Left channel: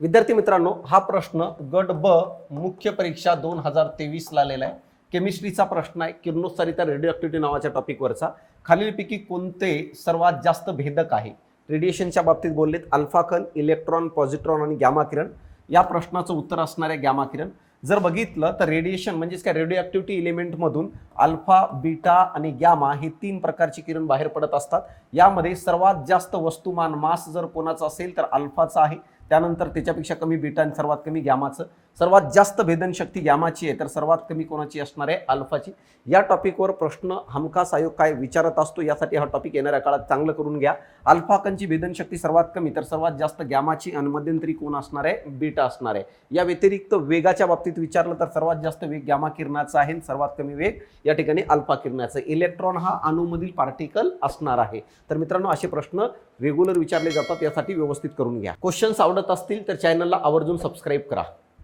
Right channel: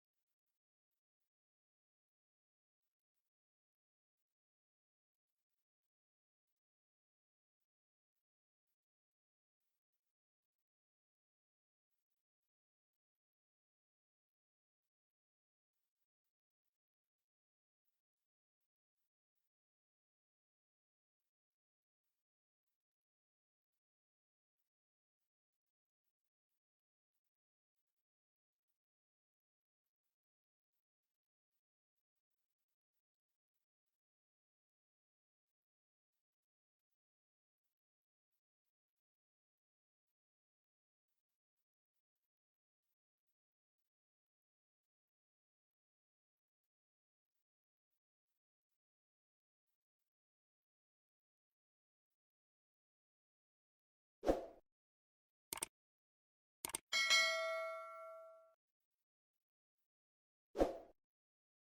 विद्यार्थी मित्रांनो हा प्रश्न गट ब मुख्य परीक्षा दोन हजार तेवीसला आलेला आहे. केमिस्ट्रीचा प्रश्न आहे. किरणोत्सारिता रेडिओ नावाच्या टॉपिकवरचा खालीलपैकी कोणते सर्वात जास्त भेदक आहे? रेडिएशनच्या बाबतीत बोललेत अल्फा कण इलेक्ट्रॉन पॉझिट्रॉन आणि गॅमा किरण. या प्रश्नाचं उत्तर असणार आहे गॅमा किरण. जर बघितलं तर रेडिएशन म्हणजेच काय? रेडिओ ॲक्टिव्हिटी इलिमेंटमधून अल्फा बीटा आणि गॅमा हे तीन प्रकारची किरण बाहेर पडत असतात. यामध्ये सर्वात जास्त वस्तुमान मास जर कोणाचं असेल तर अल्फाचा आहे. त्यानंतर त्याच्यापेक्षा कमी बीटा आणि सर्वात कमी गॅमाचं. सर्वात जास्त भेदनशक्ती गॅमाची आहे तर सर्वात कमी कोणाची असणार आहे? अल्फाची. या टॉपिकवर प्रश्न हमखास आयोग काय विचारत असतो यासाठी हा टॉपिक येणाऱ्या काळात चांगलं करून घ्या. अल्फाकनची भेदनशक्ती सर्वात कमी तर सर्वात जास्त गॅमाची आणि मध्यंतरी कोण असणार आहे? बीटा असणार आहे. या व्यतिरिक्त वेगाच्या बाबतीत विचारलं तर सर्वात जास्त वेग गॅमा किरणाचा आहे आणि सर्वात कमी वेग या ठिकाणी अल्फा किरणाचा इलेक्ट्रॉन हा अणूमधील पार्टिकल असणार आहे. तर मित्रांनो असे प्रश्न रेग्युलर विचारले जातात यासाठी व्यवस्थित करून घ्या. क्वेश्चन्स आवडत असतील तर चॅनलला आवर्जून सबस्क्राईब करा.